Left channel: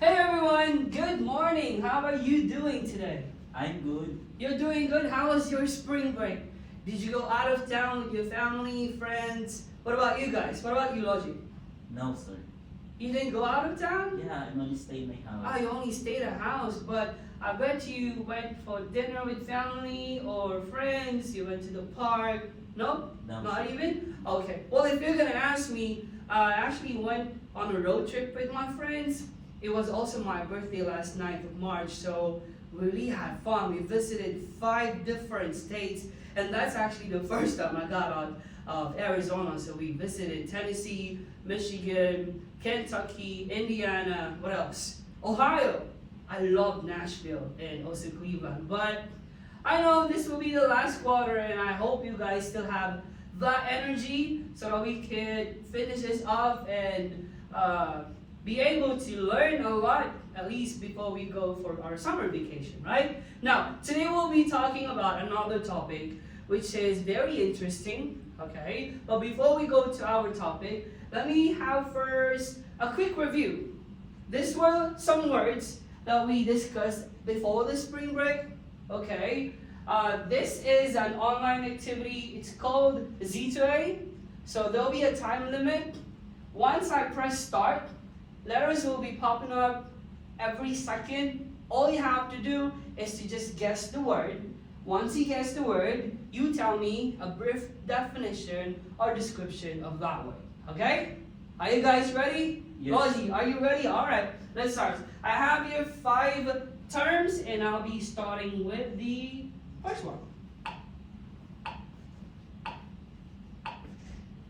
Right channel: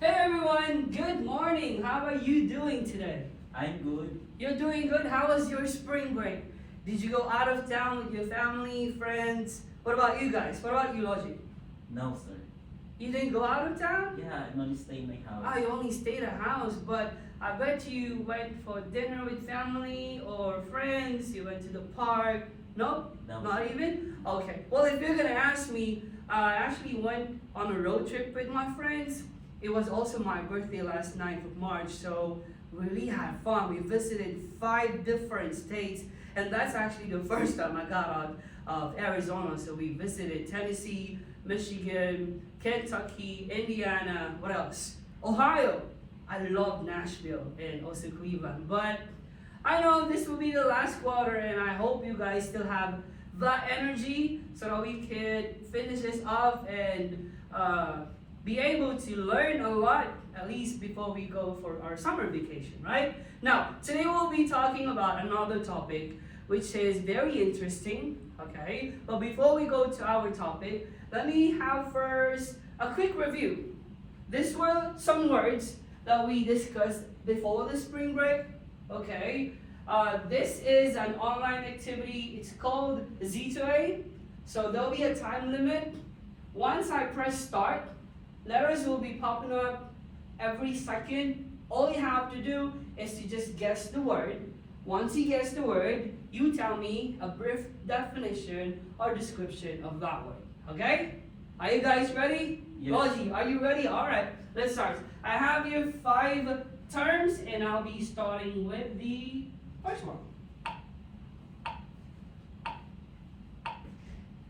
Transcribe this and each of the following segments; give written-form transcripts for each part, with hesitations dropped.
Hey everyone, good morning. How are you doing today? I'm good. You're doing good. How was your spring break? Did you go out of town with your family, friends? What about you guys? What about you, Logic? No, sir. You didn't go out of town? Yeah, I only stay in my house. Ah, you only stayed at house, but I bet you went for dinner with family or friends. You went to the park. No? No, Not sir. even? Okay. Well, if you're gonna ask me, I actually went on a road trip with my friends. It was also my birthday last 9th of March, so we really had fun. We visited 5 different states, and that's actually the first time I got out of Arizona. So we visited Tennessee, Michigan, Kentucky, Indiana, what else? Ohio. I love Nashville and also Cleveland, but I know this will be the last quarter, and I hope you guys still have that energy so that we can finish this off and be able to learn a lot, at least before we go for our summer vacation, right? Now, today we'll be talking about another topic which is very interesting, okay? But before we go to our topic, let me have first a quick review. These were some words that we discussed before the spring break, okay? This is an online activity. It's called Z2A. So there'll be a time limit. Once I press start, letters will be popping up every second. All you have to do is to just guess the word. Once you guess the word, you tell me a brief definition or description of that word. Okay? Are you guys ready? Yes. Rosie, are you ready? All right, let's start. I have here 5 terms, and I'll be starting with the first one.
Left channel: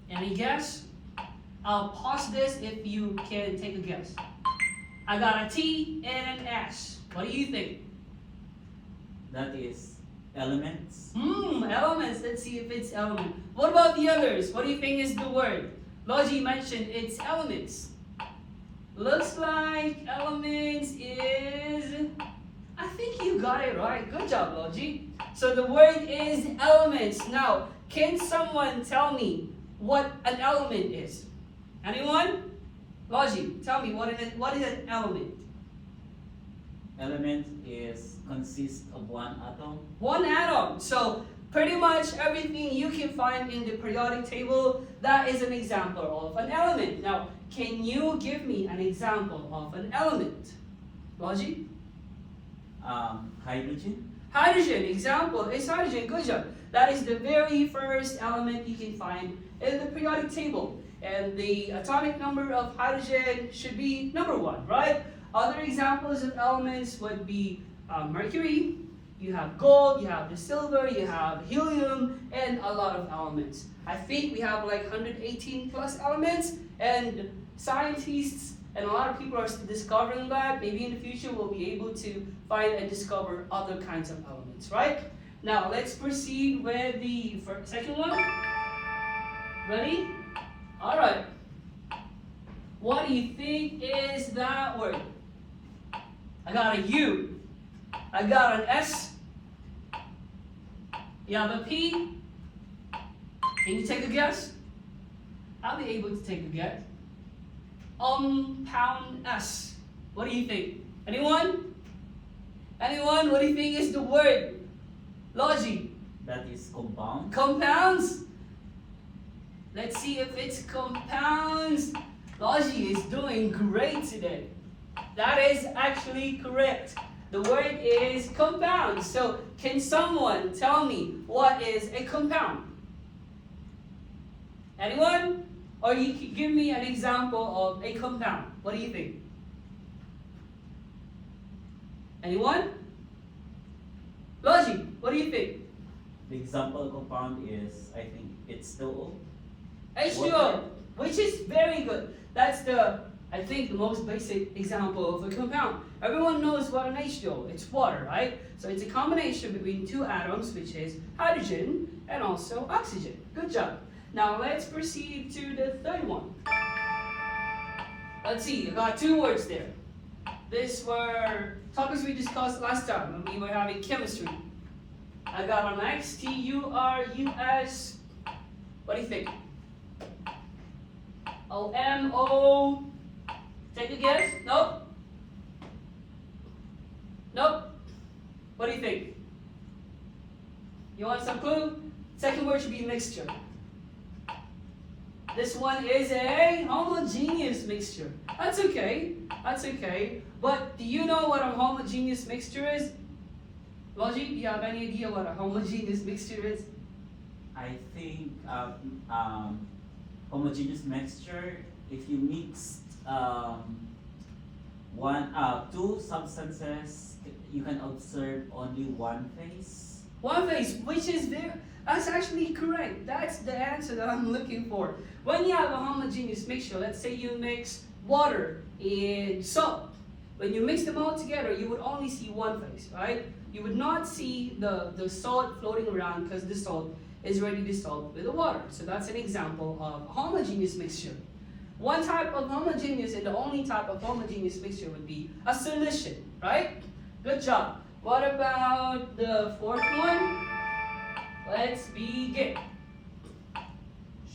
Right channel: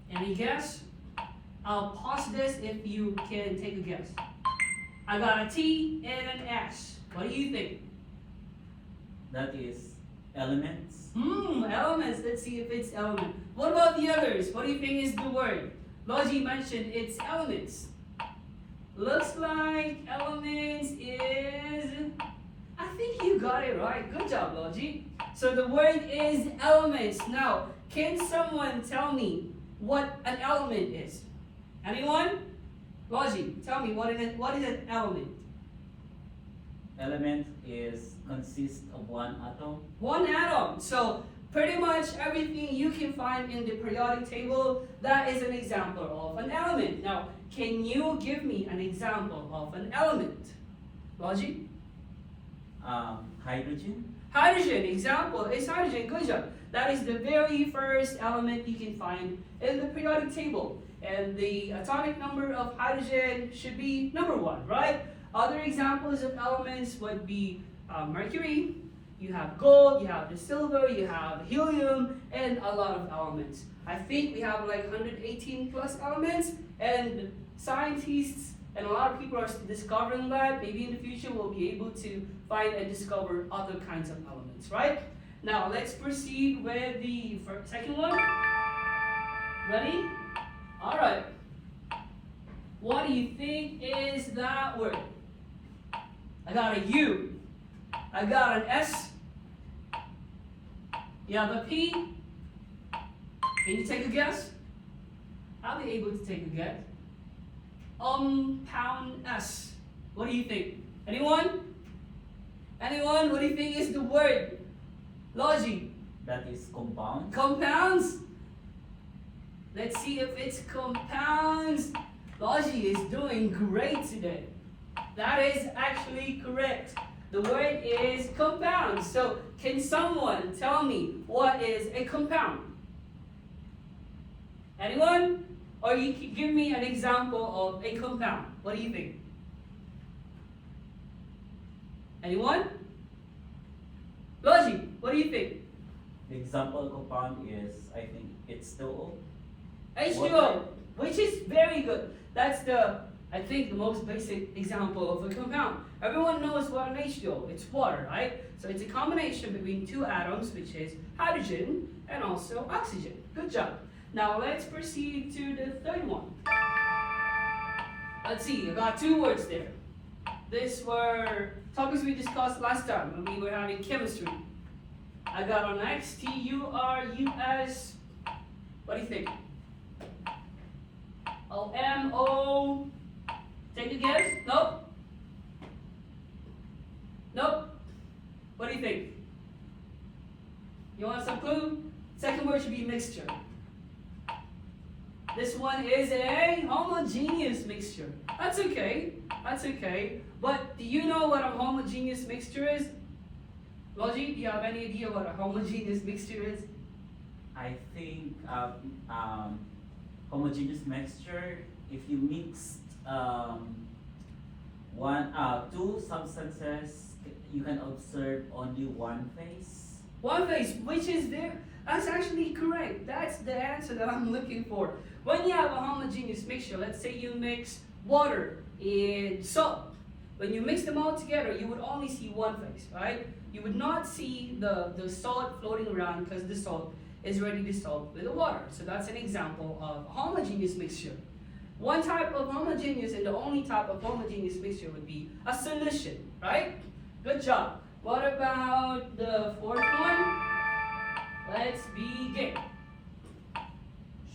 Any guess? I'll pause this if you can take a guess. I got a T and an S. What do you think? That is elements. Elements. Let's see if it's element. What about the others? What do you think is the word? Logi mentioned it's elements. Looks like elements is... I think you got it right. Good job, Logi. So the word is elements. Now, can someone tell me what an element is? Anyone? Logi, tell me what is an element? Element is consists of one atom. One atom. So pretty much everything you can find in the periodic table, that is an example of an element. Now, can you give me an example of an element? Logi? Hydrogen. Hydrogen, example is hydrogen. Good job. That is the very first element you can find in the periodic table. And the atomic number of hydrogen should be number 1, right? Other examples of elements would be mercury, you have gold, you have the silver, you have helium, and a lot of elements. I think we have like 118 plus elements, and scientists and a lot of people are still discovering that. Maybe in the future we'll be able to find and discover other kinds of elements, right? Now let's proceed with the second one. Ready? All right. What do you think is that word? I got a U. I got an S. You have a P. Can you take a guess? I'll be able to take a guess. Pound S. What do you think? Anyone? Anyone? What do you think is the word? Logi. That is compound. Compounds? Let's see if it's compounds. Logi is doing great today. That is actually correct. The word is compound. So can someone tell me what is a compound? Anyone? Or you can give me an example of a compound. What do you think? Anyone? Logi, what do you think? The example compound is, I think, H2O. H2O, which is very good. That's I think, the most basic example of a compound. Everyone knows what an H2O, it's water, right? So it's a combination between 2 atoms, which is hydrogen and also oxygen. Good job. Now let's proceed to the third one. Let's see, I got 2 words there. These were topics we discussed last time when we were having chemistry. I got an X, T-U-R-U-S. What do you think? O-M-O. Take a guess? Nope. do you think? You want some clue? Second word should be mixture. This one is a homogeneous mixture. That's okay. That's okay. But do you know what a homogeneous mixture is? Logi, do you have any idea what a homogeneous mixture is? I think homogeneous mixture, if you mix two substances, you can observe only one phase. One phase, which is there. That's actually correct. That's the answer that I'm looking for. When you have a homogeneous mixture, let's say you mix water and salt. When you mix them all together, you would only see one phase, right? You would not see the salt floating around because the salt is already dissolved with the water. So that's an example of a homogeneous mixture. One type of homogeneous and the only type of homogeneous mixture would be a solution, right? Good job. What about the fourth one? Let's begin.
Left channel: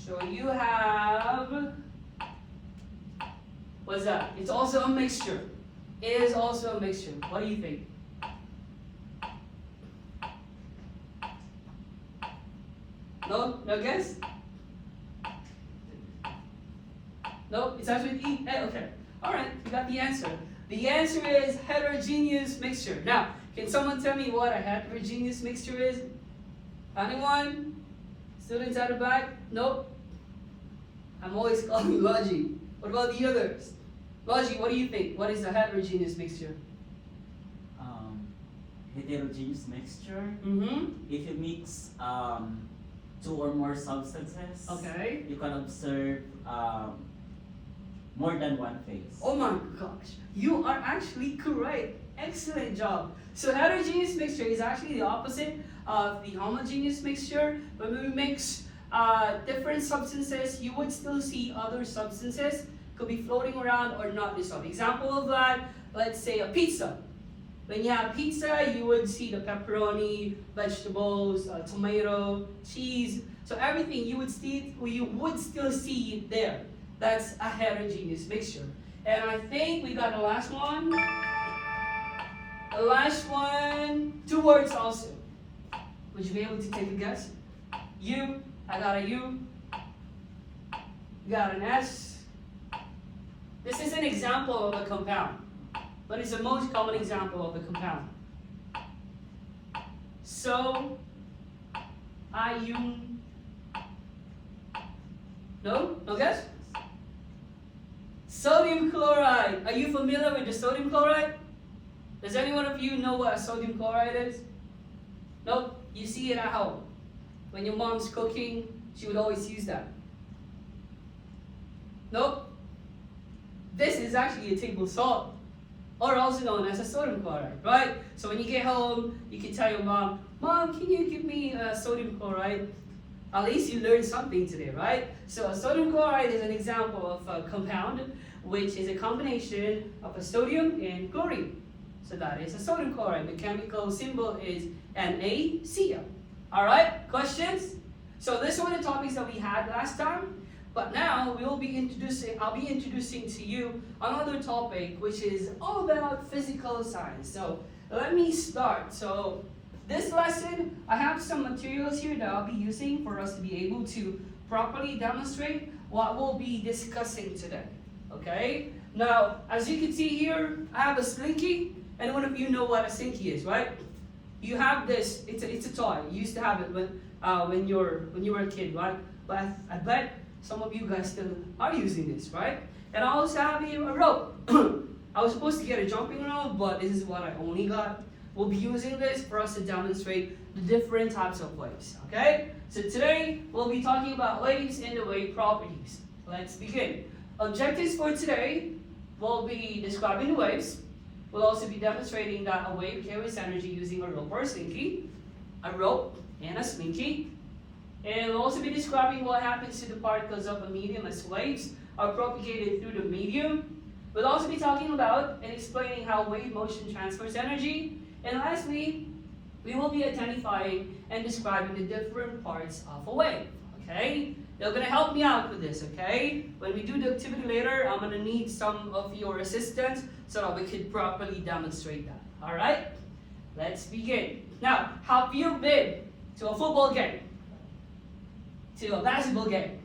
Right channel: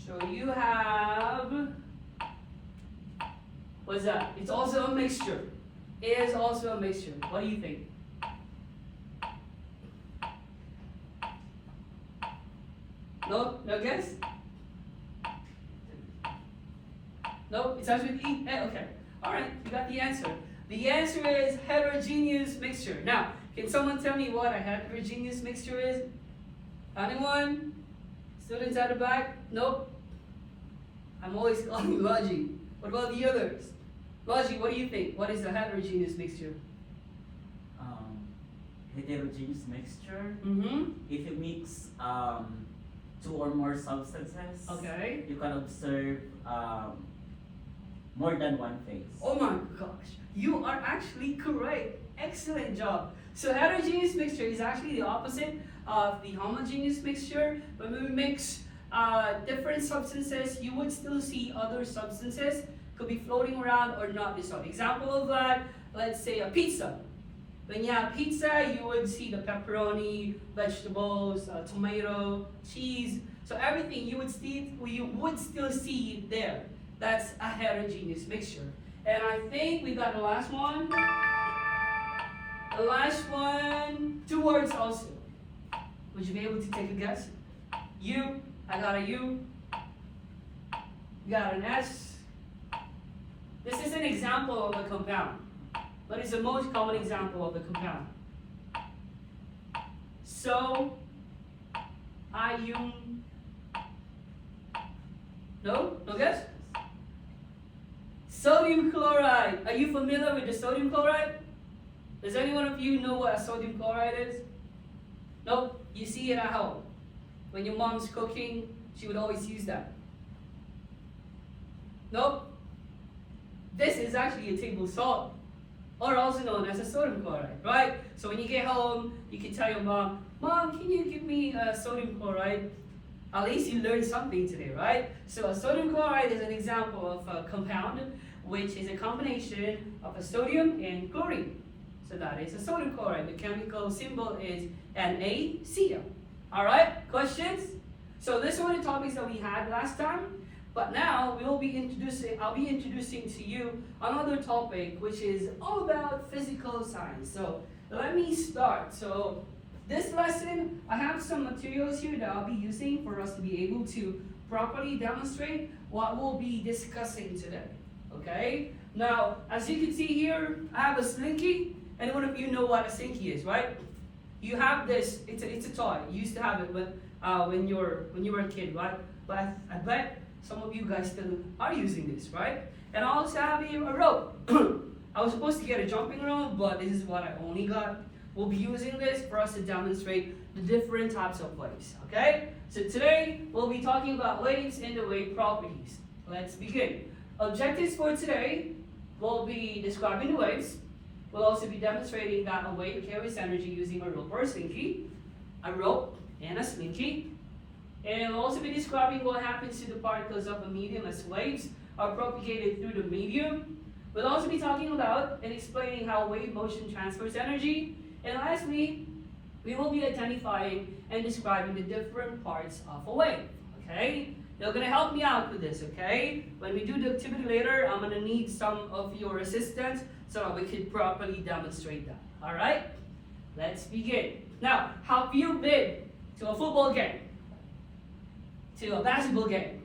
So you have, what's that? It's also a mixture. It is also a mixture. What do you think? No? No guess? No? It starts with E? Okay. Alright, you got the answer. The answer is heterogeneous mixture. Now, can someone tell me what a heterogeneous mixture is? Anyone? Students at the back? Nope. I'm always calling Logi. What about the others? Logi, what do you think? What is a heterogeneous mixture? Heterogeneous mixture. Mm-hmm. If you mix two or more substances, Okay. you can observe more than one phase. Oh my gosh, you are actually correct. Excellent job. So heterogeneous mixture is actually the opposite of the homogeneous mixture. When we mix different substances, you would still see other substances could be floating around or not dissolved. Example of that, let's say a pizza. When you have pizza, you would see the pepperoni, vegetables, tomato, cheese. So everything you would still see it there. That's a heterogeneous mixture. And I think we got the last one. The last one, two words also. Would you be able to take a guess? U, I got a U. You got an S. This is an example of a compound. But it's the most common example of a compound. So, ion. No? No guess? Sodium chloride. Are you familiar with the sodium chloride? Does any one of you know what a sodium chloride is? Nope. You see it at home. When your mom's cooking, she would always use that. Nope. This is actually a table salt, or also known as a sodium chloride, right? So when you get home, you can tell your mom, Mom, can you give me a sodium chloride? At least you learned something today, right? So a sodium chloride is an example of a compound, which is a combination of a sodium and chlorine. So that is a sodium chloride. The chemical symbol is NaCl. All right, questions? So these were the topics that we had last time. But now I'll be introducing to you another topic which is all about physical science. So let me start. So this lesson, I have some materials here that I'll be using for us to be able to properly demonstrate what we'll be discussing today. Okay? Now, as you can see here, I have a slinky. And one of you know what a slinky is, right? You have this, it's a toy. You used to have it when you were a kid, right? But I bet some of you guys still are using this, right? And I also have here a rope. I was supposed to get a jumping rope, but this is what I only got. We'll be using this for us to demonstrate the different types of waves, okay? So today, we'll be talking about waves and the wave properties. Let's begin. Objectives for today will be describing the waves. We'll also be demonstrating that a wave carries energy using a rope or a slinky, a rope and a slinky. And we'll also be describing what happens to the particles of a medium as waves are propagated through the medium. We'll also be talking about and explaining how wave motion transfers energy. And lastly, we will be identifying and describing the different parts of a wave, okay? You're gonna help me out with this, okay? When we do the activity later, I'm gonna need some of your assistance so that we could properly demonstrate that, all right? Let's begin. Now, have you been to a football game? To a basketball game?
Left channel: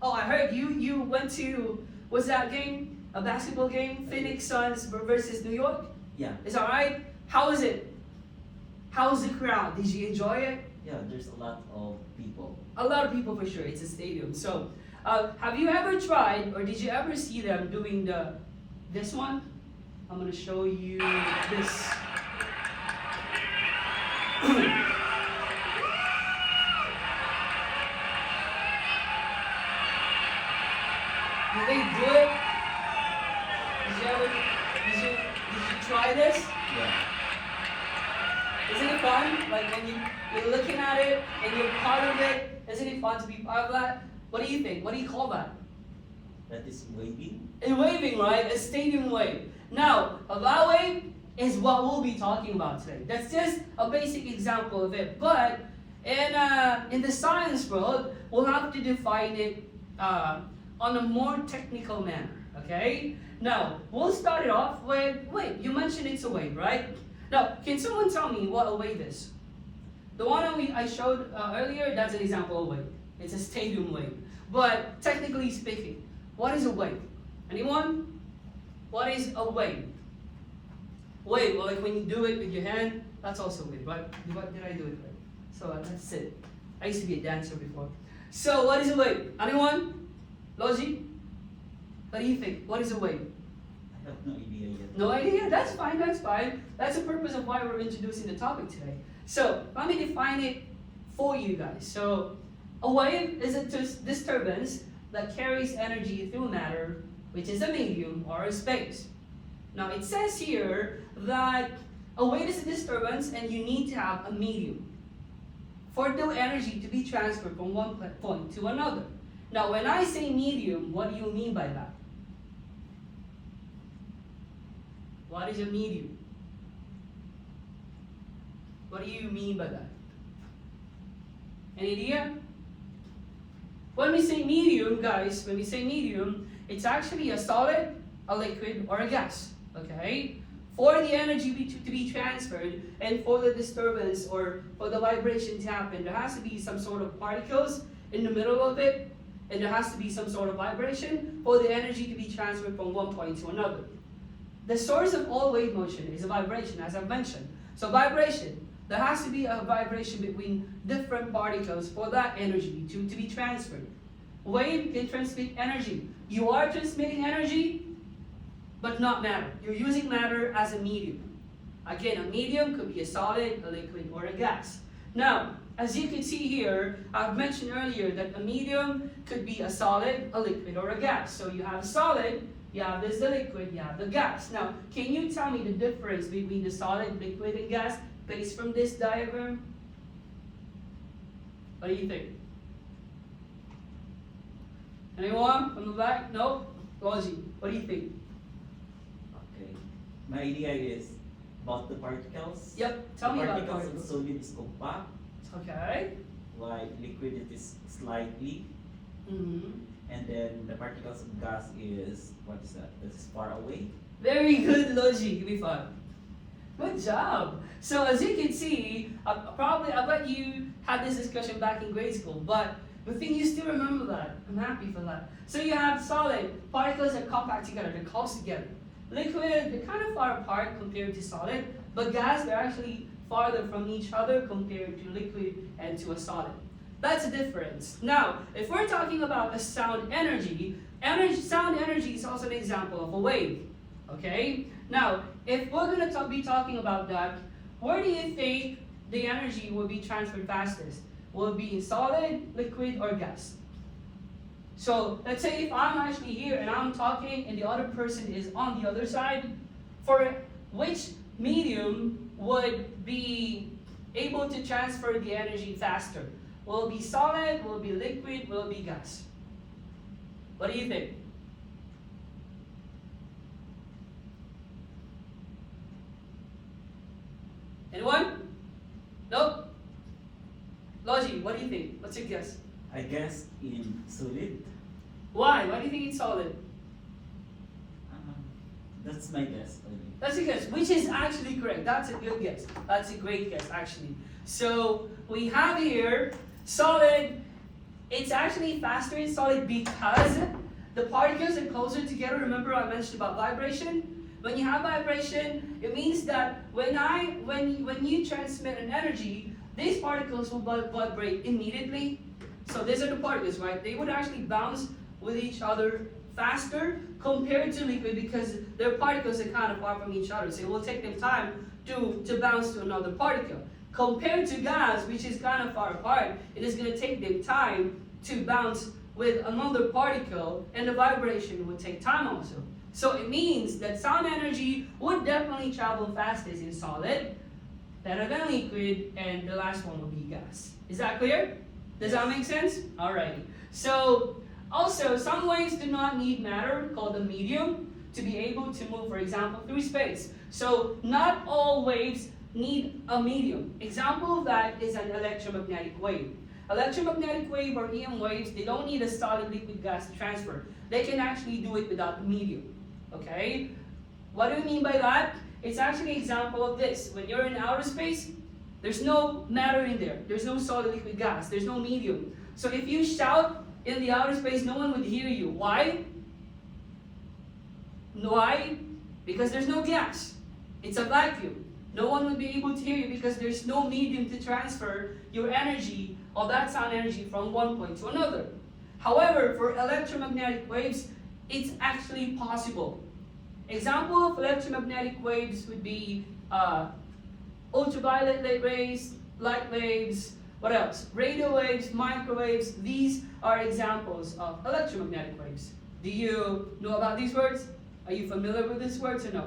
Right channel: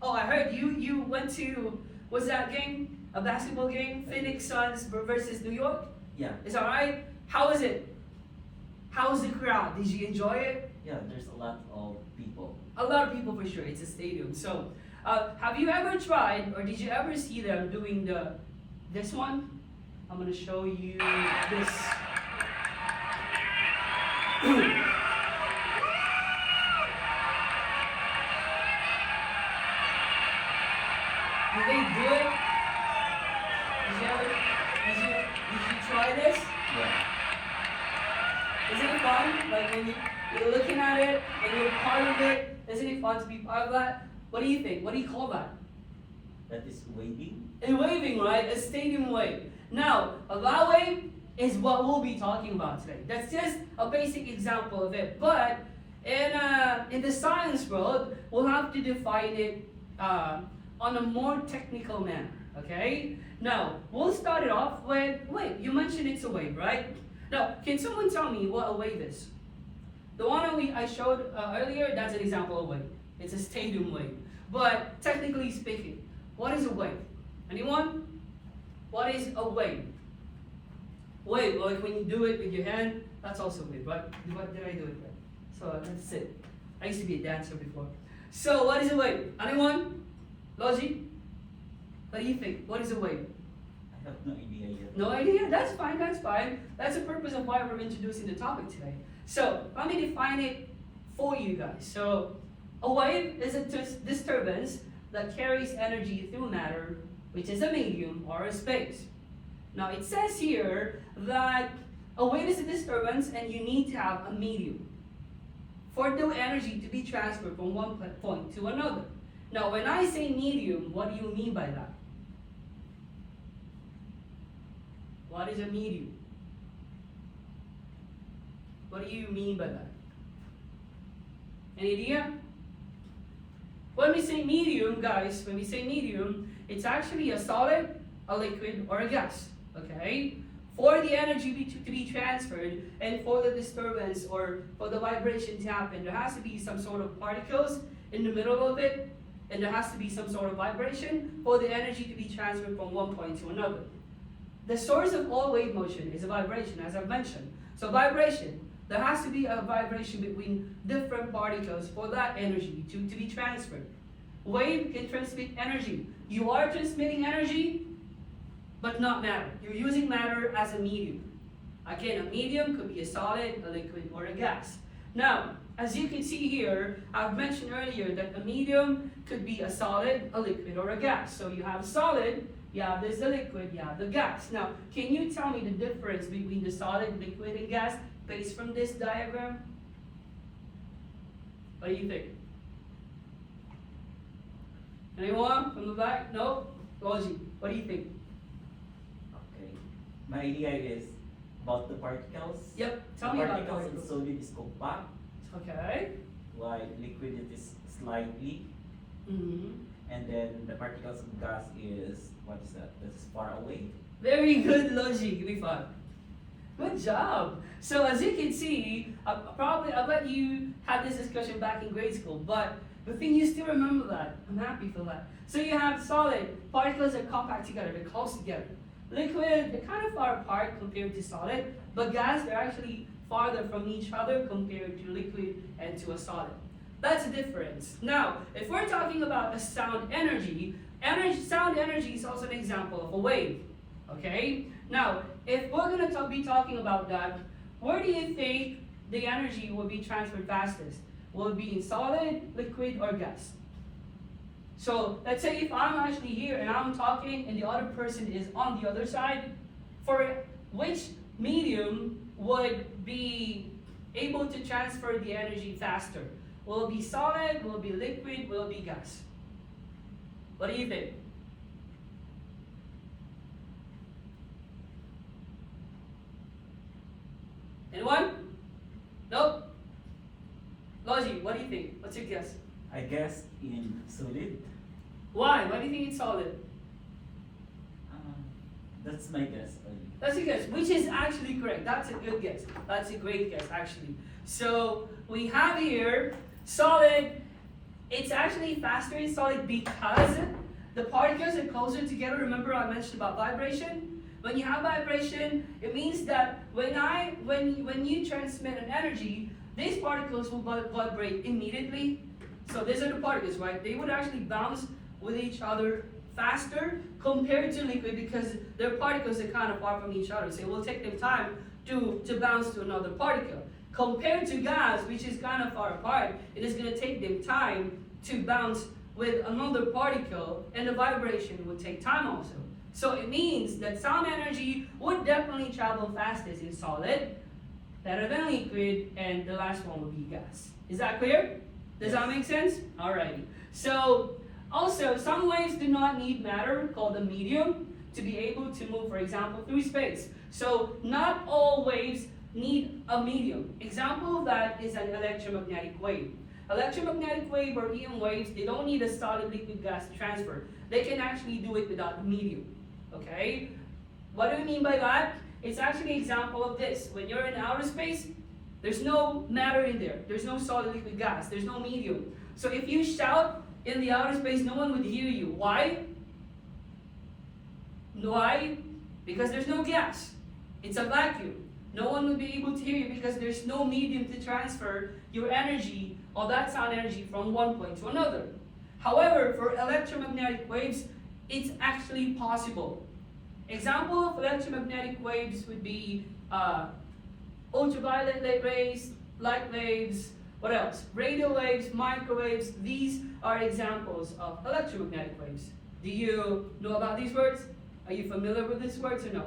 Oh, I heard you went to, what's that game? A basketball game? Phoenix Suns versus New York? Yeah. Is that right? How was it? How was the crowd? Did you enjoy it? Yeah, there's a lot of people. A lot of people for sure. It's a stadium. So, have you ever tried, or did you ever see them doing this one? I'm gonna show you this. Did they do it? Did you try this? Yeah. Isn't it fun? Like when you're looking at it and you're part of it, isn't it fun to be part of that? What do you think? What do you call that? That is waving. And waving, right? A stadium wave. Now, a that wave is what we'll be talking about today. That's just a basic example of it. But in the science world, we'll have to define it on a more technical manner. Okay? Now, we'll start it off with wave. You mentioned it's a wave, right? Now, can someone tell me what a wave is? The one I showed earlier, that's an example of a wave. It's a stadium wave. But technically speaking, what is a wave? Anyone? What is a wave? Wave, well, like when you do it with your hand, that's also a wave, right? What did I do it with? So that's it. I used to be a dancer before. So what is a wave? Anyone? Logi? What do you think? What is a wave? I have no idea yet. No idea? That's fine, that's fine. That's the purpose of why we're introducing the topic today. So, let me define it for you guys. So, a wave is a disturbance that carries energy through matter, which is a medium or a space. Now, it says here that a wave is a disturbance and you need to have a medium for the energy to be transferred from one point to another. Now, when I say medium, what do you mean by that? What is a medium? What do you mean by that? Any idea? When we say medium, guys, when we say medium, it's actually a solid, a liquid, or a gas. Okay? For the energy to be transferred and for the disturbance or for the vibration to happen, there has to be some sort of particles in the middle of it, and there has to be some sort of vibration for the energy to be transferred from one point to another. The source of all wave motion is a vibration, as I've mentioned. So vibration, there has to be a vibration between different particles for that energy to be transferred. Wave can transmit energy. You are transmitting energy, but not matter. You're using matter as a medium. Again, a medium could be a solid, a liquid, or a gas. Now, as you can see here, I've mentioned earlier that a medium could be a solid, a liquid, or a gas. So you have a solid, you have this the liquid, you have the gas. Now, can you tell me the difference between the solid, liquid, and gas based from this diagram? What do you think? Anyone from the back? No? Logi, what do you think? Okay. My idea is about the particles. Yep, tell me about particles. particles. Of solid is compact, Okay. while liquid it is slightly, Mm-hmm. and then the particles of gas is, what is that? That is far away. Very good, Logi. Give me five. Good job. So as you can see, I bet you had this discussion back in grade school, but the thing you still remember that. I'm happy for that. So you have solid, particles are compact together, they're close together. Liquid, they're kind of far apart compared to solid, but gas, they're actually farther from each other compared to liquid and to a solid. That's the difference. Now, if we're talking about the sound energy, sound energy is also an example of a wave. Okay? Now, if we're going to be talking about that, where do you think the energy will be transferred fastest? Will it be in solid, liquid, or gas? So, let's say if I'm actually here and I'm talking and the other person is on the other side, for which medium would be able to transfer the energy faster? Will it be solid? Will it be liquid? Will it be gas? What do you think? Anyone? Nope? Logi, what do you think? What's your guess? I guess in solid, Why? Why do you think it's solid? That's my guess. That's a guess, which is actually correct. That's a good guess. That's a great guess, actually. So we have here solid. It's actually faster in solid because the particles are closer together. Remember I mentioned about vibration? When you have vibration, it means that when you transmit an energy, these particles will vibrate immediately. So these are the particles, right? They would actually bounce with each other faster compared to liquid because their particles are kind of far from each other. So it will take them time to bounce to another particle. Compared to gas, which is kind of far apart, it is going to take them time to bounce with another particle, and the vibration would take time also. So it means that sound energy would definitely travel fastest in solid, better than liquid, and the last one would be gas. Is that clear? Does that make sense? Alrighty. So also, some waves do not need matter, called a medium, to be able to move, for example, through space. So not all waves need a medium. Example of that is an electromagnetic wave. Electromagnetic wave or EM waves, they don't need a solid liquid gas transfer. They can actually do it without a medium. Okay? What do we mean by that? It's actually an example of this. When you're in outer space, there's no matter in there. There's no solid liquid gas. There's no medium. So if you shout in the outer space, no one would hear you. Why? Why? Because there's no gas. It's a vacuum. No one would be able to hear you because there's no medium to transfer your energy or that sound energy from one point to another. However, for electromagnetic waves, it's actually possible. Example of electromagnetic waves would be ultraviolet rays, light waves, what else? Radio waves, microwaves. These are examples of electromagnetic waves. Do you know about these words? Are you familiar with these words or no?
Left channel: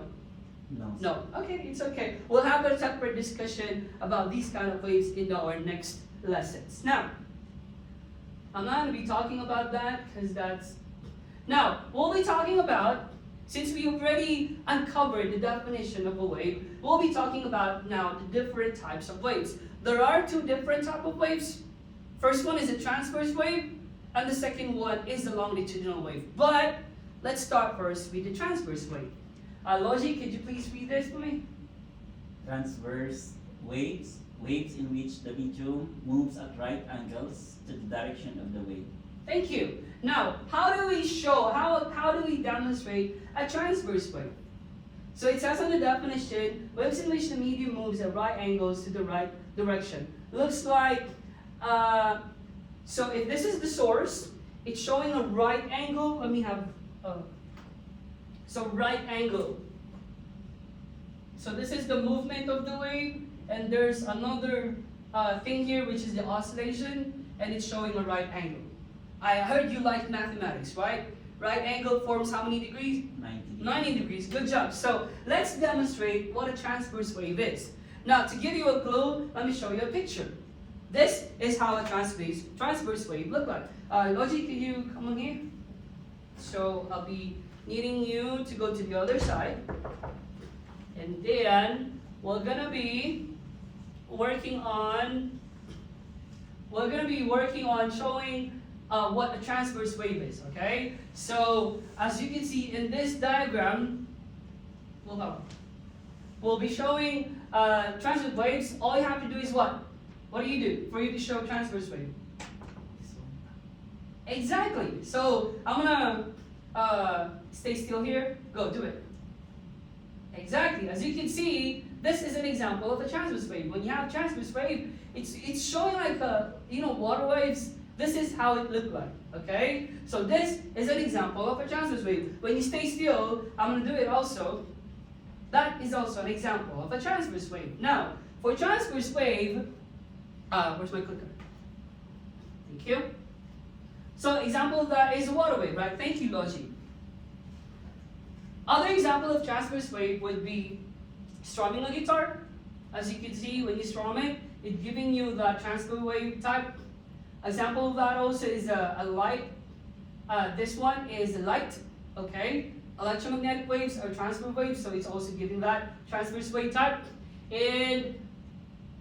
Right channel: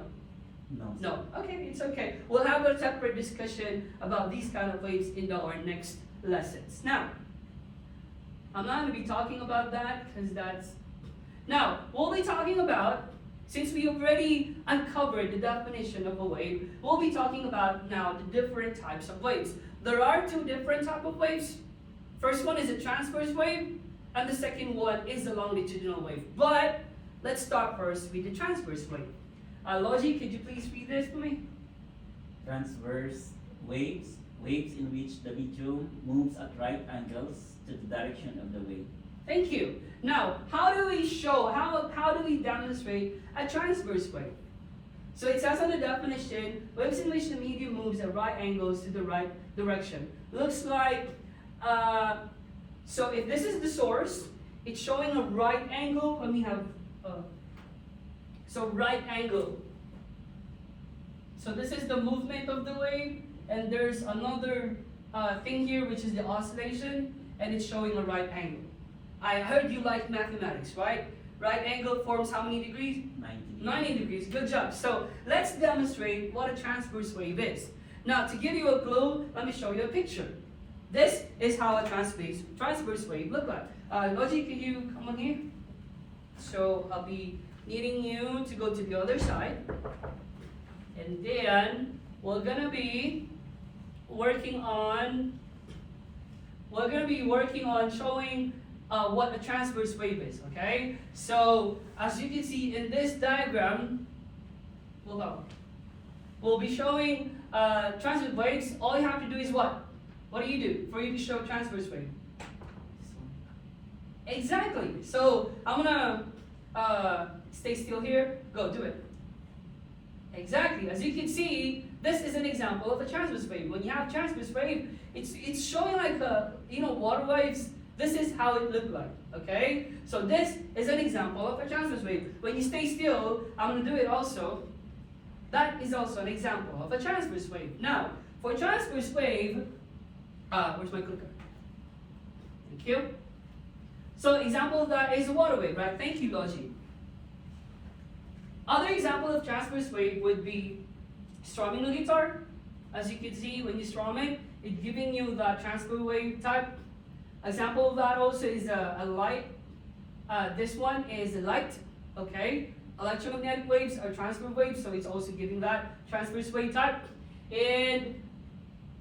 No. No. Okay, it's okay. We'll have a separate discussion about these kind of waves in our next lessons. Now, I'm not going to be talking about that because that's... Now, we'll be talking about, since we already uncovered the definition of a wave, we'll be talking about now the different types of waves. There are two different types of waves. First one is a transverse wave, and the second one is the longitudinal wave. But let's start first with the transverse wave. Logi, could you please read this for me? Transverse waves, waves in which the medium moves at right angles to the direction of the wave. Thank you. Now, how do we show, how do we demonstrate a transverse wave? So it says on the definition, waves in which the medium moves at right angles to the right direction. Looks like, so if this is the source, it's showing a right angle. Let me have, so right angle. So this is the movement of the wave, and there's another thing here, which is the oscillation, and it's showing a right angle. I heard you like mathematics, right? Right angle forms how many degrees? 90. 90 degrees, good job. So let's demonstrate what a transverse wave is. Now, to give you a clue, let me show you a picture. This is how a transverse wave look like. Logi, can you come on here? So I'll be needing you to go to the other side. And then we're gonna be working on showing what a transverse wave is, okay? So, as you can see in this diagram, we'll be showing transverse waves. All you have to do is what? What do you do for you to show transverse wave? Exactly. So, I'm gonna stay still here. Go, do it. Exactly. As you can see, this is an example of a transverse wave. When you have transverse wave, it's showing like water waves. This is how it looked like, okay? So this is an example of a transverse wave. When you stay still, I'm going to do it also. That is also an example of a transverse wave. Now, for transverse wave, where's my clicker? Thank you. So example of that is a water wave, right? Thank you, Logi. Other example of transverse wave would be strumming a guitar. As you can see, when you strum it, it's giving you the transverse wave type. Example of that also is a light. This one is light, okay? Electromagnetic waves are transverse waves, so it's also giving that transverse wave type. And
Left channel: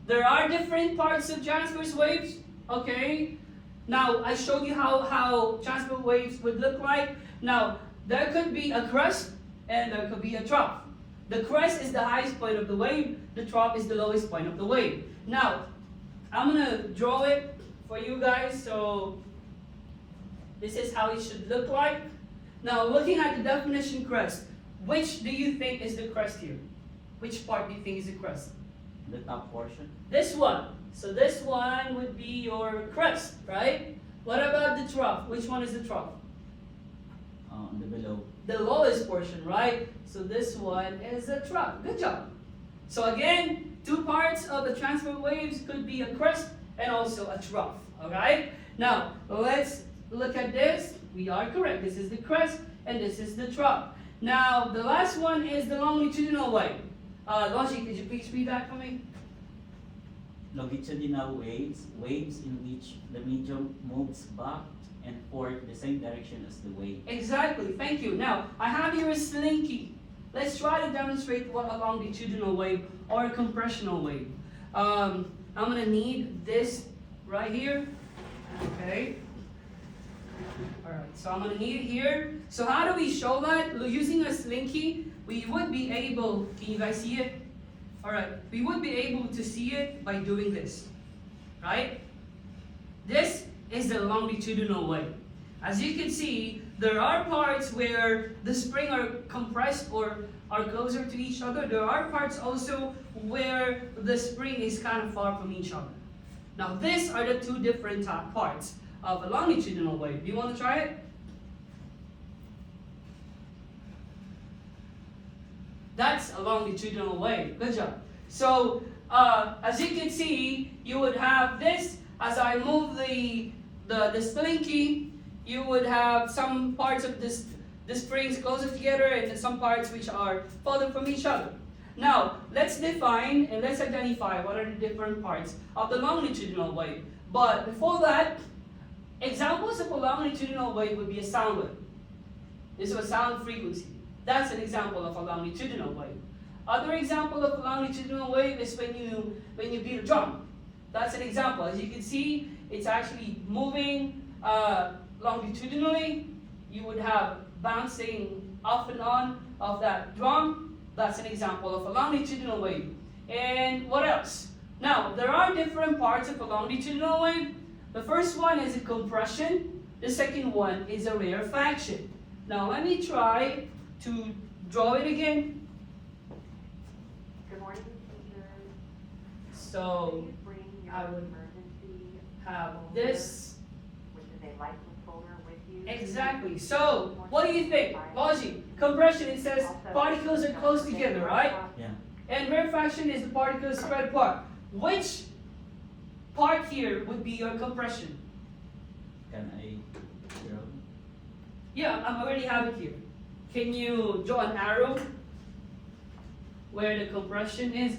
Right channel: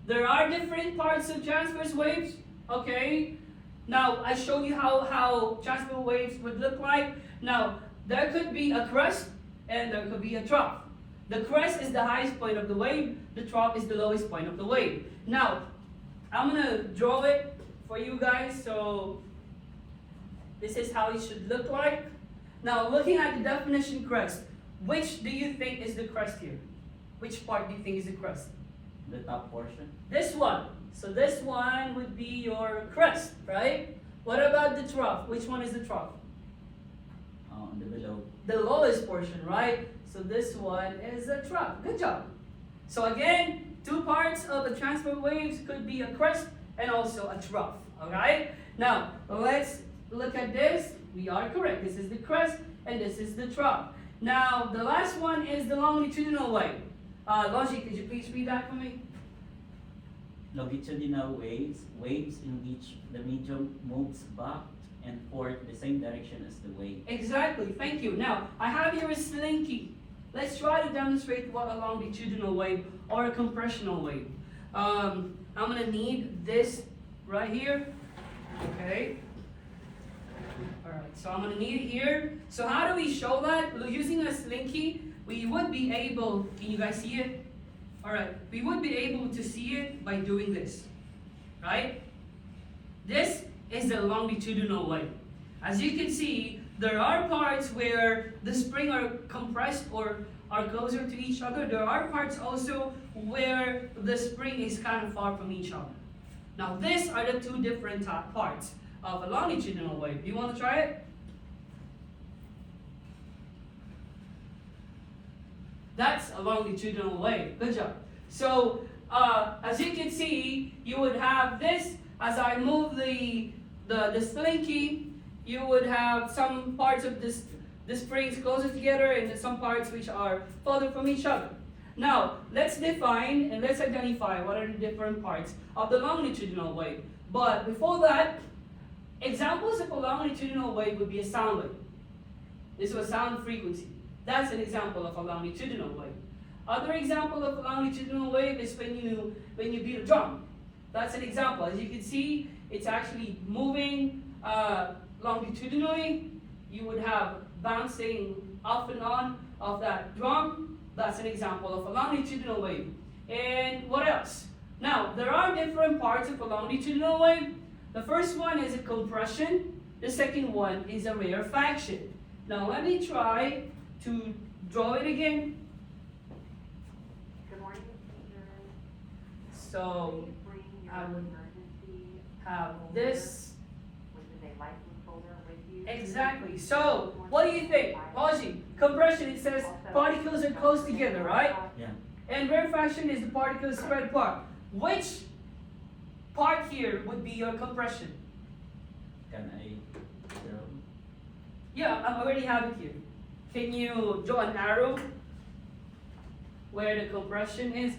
there are different parts of transverse waves, okay? Now, I showed you how transverse waves would look like. Now, there could be a crust, and there could be a trough. The crest is the highest point of the wave, the trough is the lowest point of the wave. Now, I'm gonna draw it for you guys, so this is how it should look like. Now, looking at the definition crest, which do you think is the crest here? Which part do you think is the crest? The top portion. This one. So this one would be your crest, right? What about the trough? Which one is the trough? The below. The lowest portion, right? So this one is a trough. Good job. So again, two parts of the transfer waves could be a crest and also a trough. Alright? Now, let's look at this. We are correct. This is the crest and this is the trough. Now, the last one is the longitudinal wave. Logi, could you please read that for me? Longitudinal waves, waves in which the medium moves back and forth the same direction as the wave. Exactly, thank you. Now, I have here a slinky. Let's try to demonstrate what a longitudinal wave or a compressional wave. I'm gonna need this right here, okay? All right, so I'm gonna need it here. So how do we show that? Using a slinky, we would be able, can you guys see it? All right, we would be able to see it by doing this, right? This is the longitudinal wave. As you can see, there are parts where the spring are compressed or are closer to each other. There are parts also where the spring is kind of far from each other. Now, these are the two different parts of a longitudinal wave. Do you want to try it? That's a longitudinal wave. Good job. So, as you can see, you would have this. As I move the slinky, you would have some parts of the springs closer together and some parts which are further from each other. Now, let's define and let's identify what are the different parts of the longitudinal wave. But before that, examples of a longitudinal wave would be a sound wave. This is a sound frequency. That's an example of a longitudinal wave. Other example of a longitudinal wave is when you beat a drum. That's an example. As you can see, it's actually moving longitudinally. You would have bouncing off and on of that drum. That's an example of a longitudinal wave. And what else? Now, there are different parts of a longitudinal wave. The first one is a compression. The second one is a rarefaction. Now, let me try to draw it again. Good morning, teachers. So, Please bring your I would emergency have folder, this. which is a license folder with you. Exactly. So, what do you think? Logi, compression, it says particles are close together, right? Yeah. And rarefaction is the particles spread apart. Which part here would be your compression? Can I draw? Yeah, I already have it here. Can you draw an arrow where the compression is?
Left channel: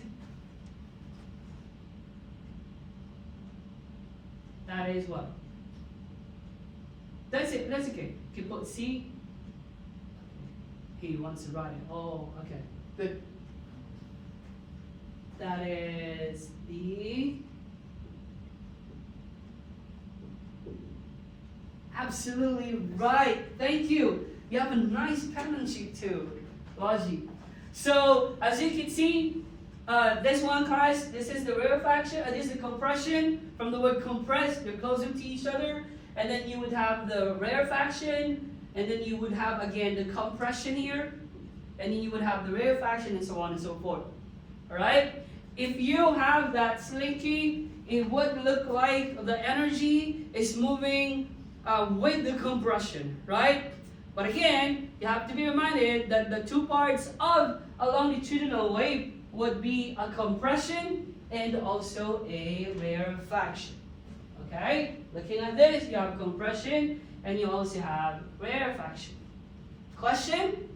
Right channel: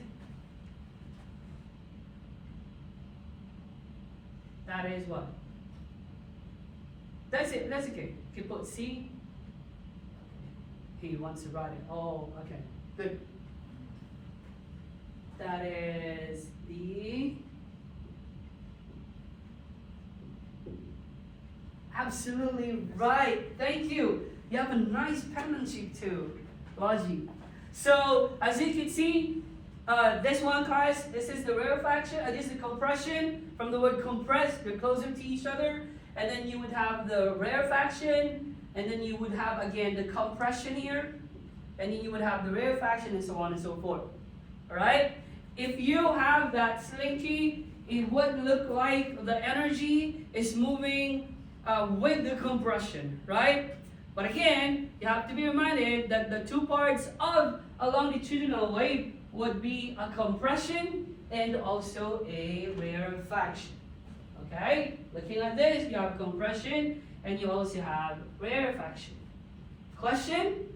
That is what? That's it, that's okay. You can put C. He wants to write it. Oh, okay, good. That is the... Absolutely right. Thank you. You have a nice penmanship too, Logi. So as you can see, this one, guys, this is the rarefaction. This is the compression. From the word compress, they're closer to each other. And then you would have the rarefaction, and then you would have again the compression here, and then you would have the rarefaction, and so on and so forth. All right. If you have that slinky, it would look like the energy is moving with the compression, right? But again, you have to be reminded that the two parts of a longitudinal wave would be a compression and also a rarefaction. Okay? Looking at this, you have compression and you also have rarefaction. Question?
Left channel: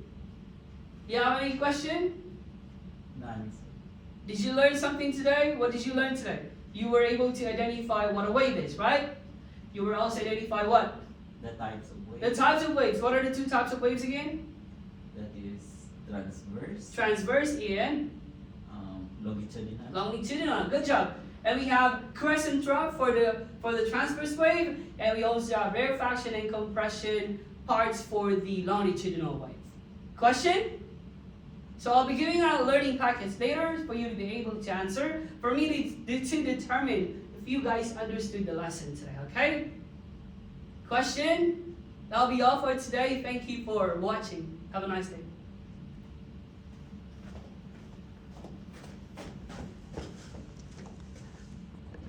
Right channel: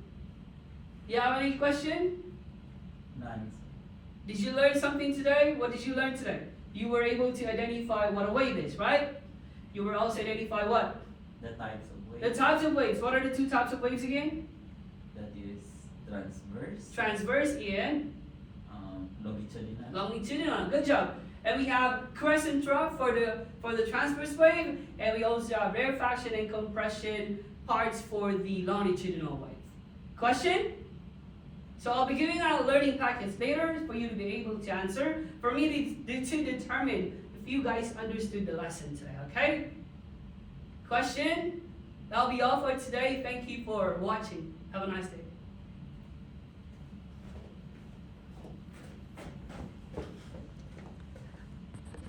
Do you have any question? None. Did you learn something today? What did you learn today? You were able to identify what a wave is, right? You were also identify what? The types of waves. The types of waves. What are the two types of waves again? That is transverse. Transverse and Longitudinal. longitudinal. Good job. And we have crest and trough for the transverse wave, and we also have rarefaction and compression parts for the longitudinal wave. Question? So I'll be giving out learning packets later for you to be able to answer, for me to determine if you guys understood the lesson today, okay? Question? That'll be all for today. Thank you for watching. Have a nice day.